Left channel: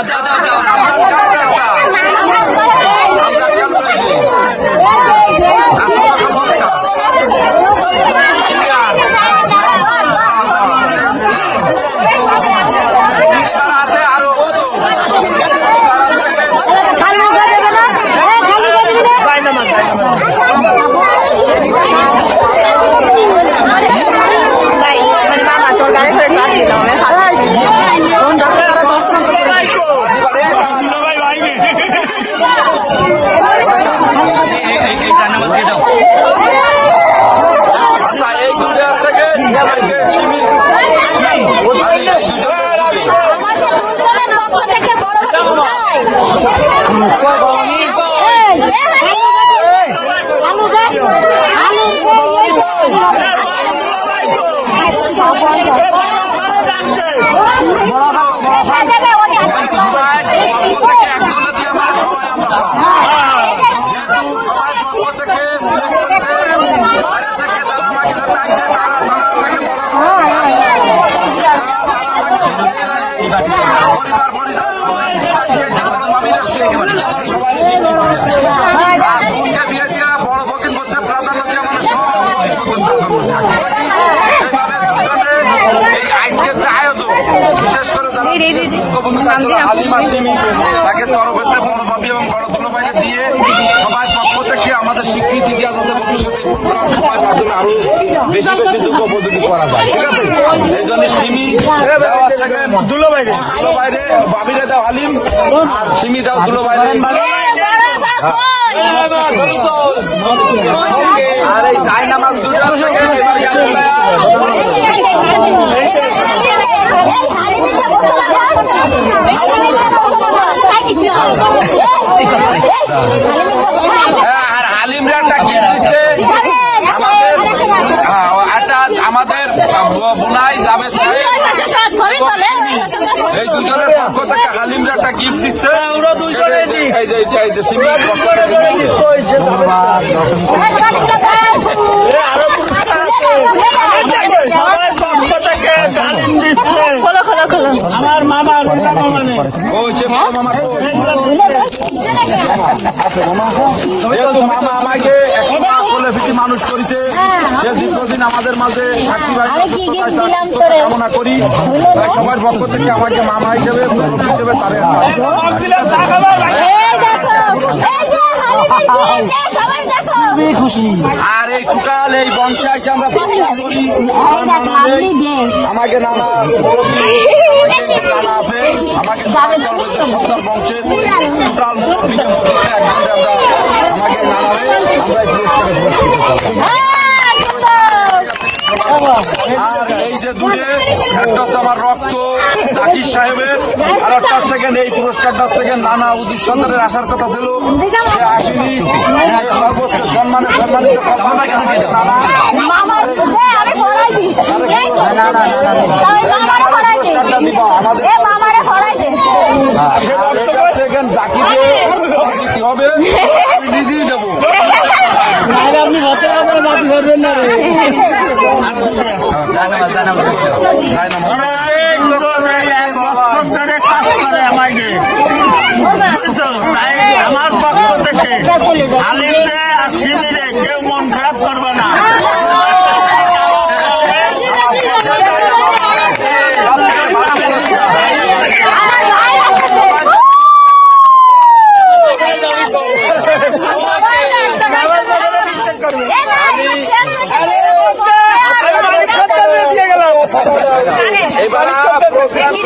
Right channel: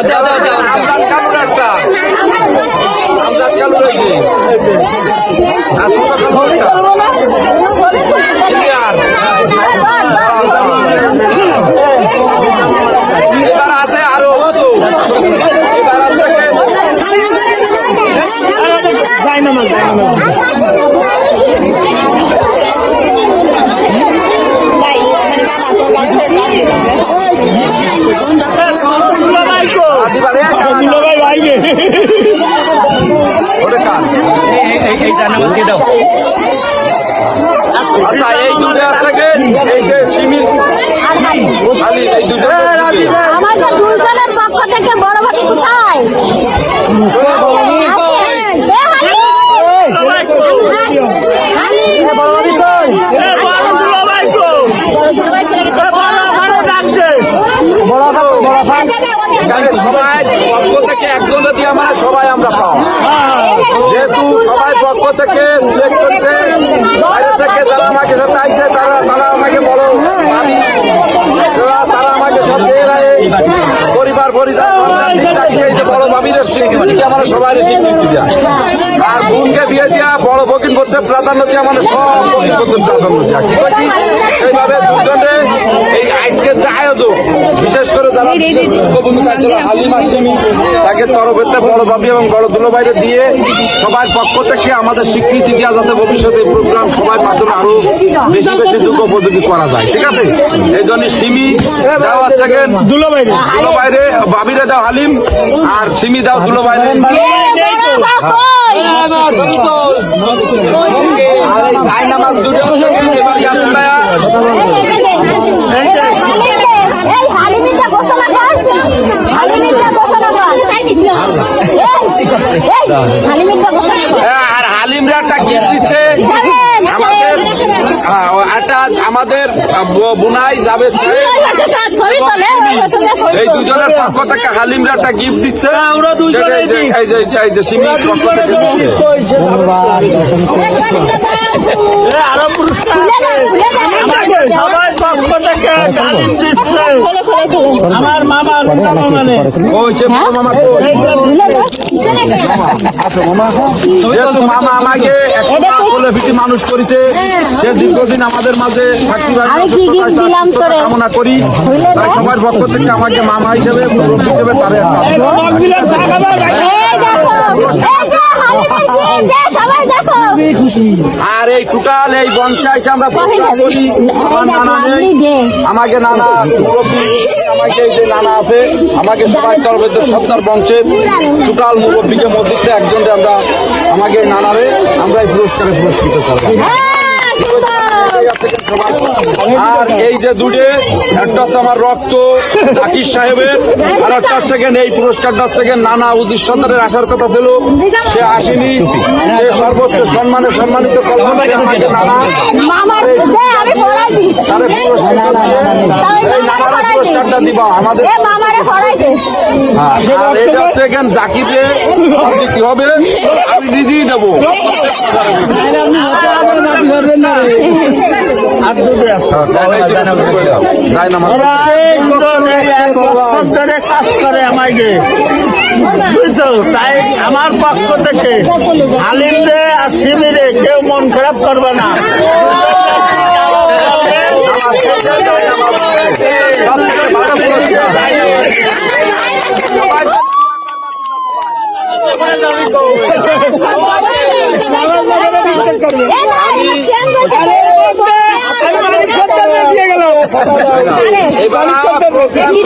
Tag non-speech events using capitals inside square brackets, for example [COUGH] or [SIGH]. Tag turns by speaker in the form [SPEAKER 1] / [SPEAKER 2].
[SPEAKER 1] 안돼 안돼 বড় বড় কোথায়
[SPEAKER 2] এখানে সবাই পক্ষ থেকে একজনে দিয়ে মানে সবাই আমরা পাও যেহেতু সবাই পক্ষ থেকে সিলেক্ট করছে বাইরে থেকে যারা আমাকে সাথে আইছে তারা তারা আমাকে বলো আমি তারা তারা আমাকে সব দিয়ে দেয়। পরিবার পরিবার সব ঠিক রাখি এই যে বড় ভাবির স্বীকৃতি আমার সবাই স্বীকৃতি দেয়। আর বোনকে বিয়ে দিয়া বড় বকিন করতে প্রাধান্য দিয়ে মানে সব বকিন করতে প্রাধান্য দেওয়া কি বলছি? এইভাবে দুজনে এই আজকের যে আয়োজন বিশেষ করে যারা বিশেষ মুখ্য ভূমিকা ছিল হালিমা সিমি তাকে তরফেতে বড় ভাবি এবং বড় দুলো বাইরে দিয়ে সবার পক্ষ থেকে আমাদের স্বীকৃতি দেওয়া যাতে ভবিষ্যতে প্রোগ্রাম সবার মাধ্যমে আরও বেশি বেশি যোগ্য উপযোগী করা যায়। ঠিক আছে? এই জন্য সিমি দেওয়া হচ্ছে দুলো বাইরে ভাবিরে দাও হালিম আর সিমি দাও দুলো বাইরে আর এই জায়নামাজ দুটো এবারে আল্লাহ আর হালিমরা একটা গিফট দিচ্ছে। আমাদের হ্যাঁ, আমাদের বুনাই যাবে এই দুজনের পক্ষ থেকে হালিমরা একটা গিফট দিচ্ছে যে যে- যে- যে।
[SPEAKER 3] ধন্যবাদ
[SPEAKER 1] খোলো খোলো খোলো
[SPEAKER 2] মানুষ করেছে সে দীর্ঘদিন আমাদের মাঝে সুস্থতা কামনা করি। তাই সবার পক্ষ থেকে আমাকে মামা হিসেবে আর এই টুকাল এই বংশে আমরা আমাকে নানা আমাকে যে নানা আছে আমাকে সবাই তরবেদ সত্তর বংশের টোটাল মুরব্বীকে মধ্যে একজন আমরা আমাকে নানারে আমরা এই পুরস্কারে পুরস্কৃত করি
[SPEAKER 1] হ্যাঁ,
[SPEAKER 2] আর এই যে দুটে একটা হচ্ছে আমার রক্ত জাকির সাহেবের আর একটা হচ্ছে এই পুরস্কারটা হচ্ছে নানা উদিত সন্তানের আসার কথা ছিল। সে আসেনি। সে সর্বোচ্চ সম্মানে সম্মানিত পুরস্কারটা দিব আমাদের
[SPEAKER 1] মামারে
[SPEAKER 2] আর এটা হচ্ছে জাকিরে হবে আমি নিজেই দেবো। [LAUGHS]
[SPEAKER 4] ধরে কাজ করে আমাকে বুঝছ? তাই আমার পক্ষ থেকে